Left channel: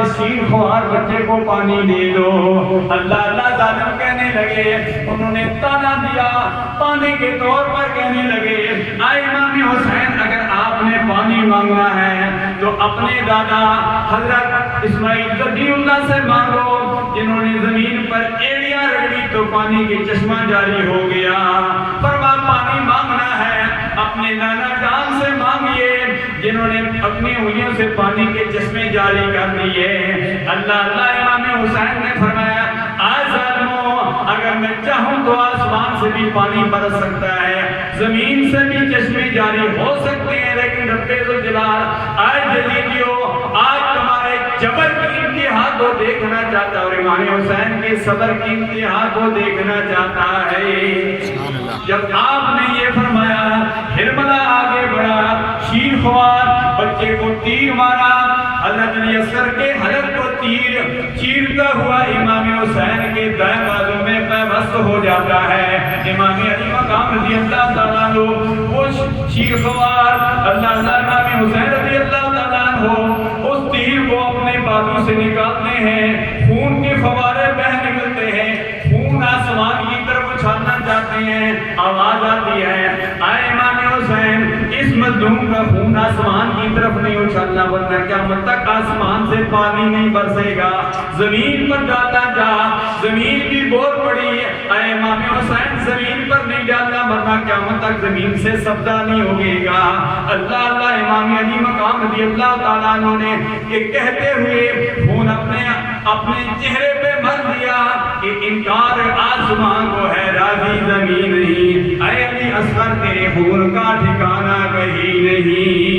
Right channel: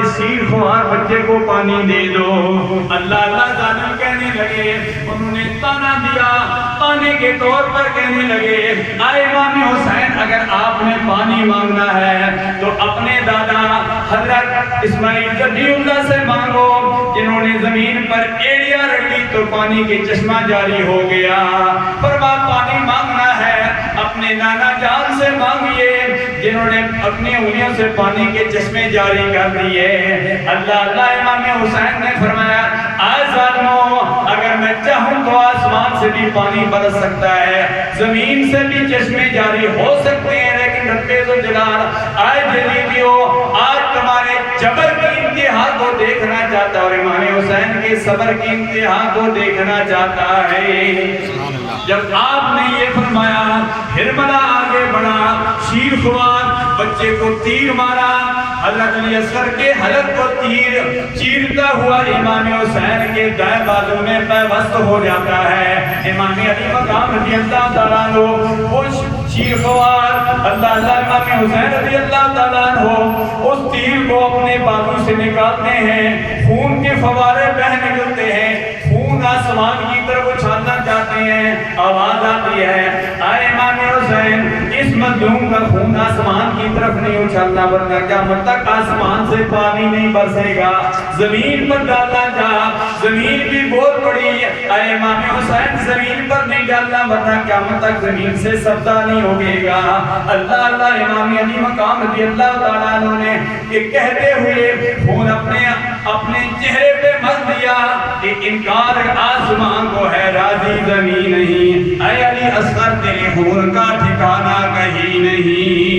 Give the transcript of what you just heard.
اس شیر خوار بچے کو پانی دے دو۔ اللہ اللہ ظالم کہنے لگے، انہوں نے تانا دیا، تانے کے طور پر کہنے لگے، آئے امام حسین اگر آپ نے پانی مانگنا ہے تو اپنے دادا حضرت اسماعیل ذبیح اللہ سے مانگو، جنہوں نے زمین پر ایڑیاں رگڑی تو پانی کے چشمہ جاری ہو گیا۔ فرما پانی مانگنا ہے اپنے نانا جان سے مانگیے، جنہوں نے اپنی انگلیوں سے پانی کے چشمے جاری کر دیے۔ اللہ اللہ امام حسین نے فرمایا، آج ظالموں اگر میں چاہوں تو آسمان سے بھی پانی برس سکتا ہے، زمین سے بھی چشمے جاری ہو سکتے ہیں، لیکن رب ذوالجلال آج یزیدیو آج تمہارے جبر کی انتہا کو دیکھنا چاہتا ہے اور امام حسین کے صبر کی انتہا کو دیکھنا چاہتا ہے۔ جب آپ نے یہ فرمایا، ہرملا آگے بڑھا، شیر خوار بچے کو تیر مارا، حضرت علی اصغر کے حلق کو تیر چیرتا ہوا امام حسین کے دائیں بازو میں پیوست ہو جاتا ہے۔ امام علی مقام رضی اللہ تعالیٰ عنہ وہ شیر خوار اللہ اللہ امام حسین رضی اللہ تعالیٰ عنہ اس تیر کو اپنے بازو سے نکالتے ہیں، خون کے فوارے بہہ نکلتے ہیں، خون آسمان کی طرف اچھالنا چاہتے ہیں، آواز آتی ہے، آئے امام حسین اس مظلوم کا خون آسمان کی طرف نہیں اچھالنا، ورنہ قیامت تک آسمان سے پانی نہیں برسے گا، زمین پر ڈالنا جا، زمین بھی بہت بڑی ہے، آئے امام حسین زمین پر نہیں ڈالنا ورنہ قیامت تک زمین سے سبزہ نہیں ہوگے گا۔ اللہ اللہ امام علی مقام رضی اللہ تعالیٰ عنہ نے ایک کہتے ہوئے خون اپنے چہرے پہ مل دیا کہ انکار آسمان کو ہے راضی زمین نہیں، اے علی اصغر تیرے خون کا ٹھکانہ کہیں نہیں۔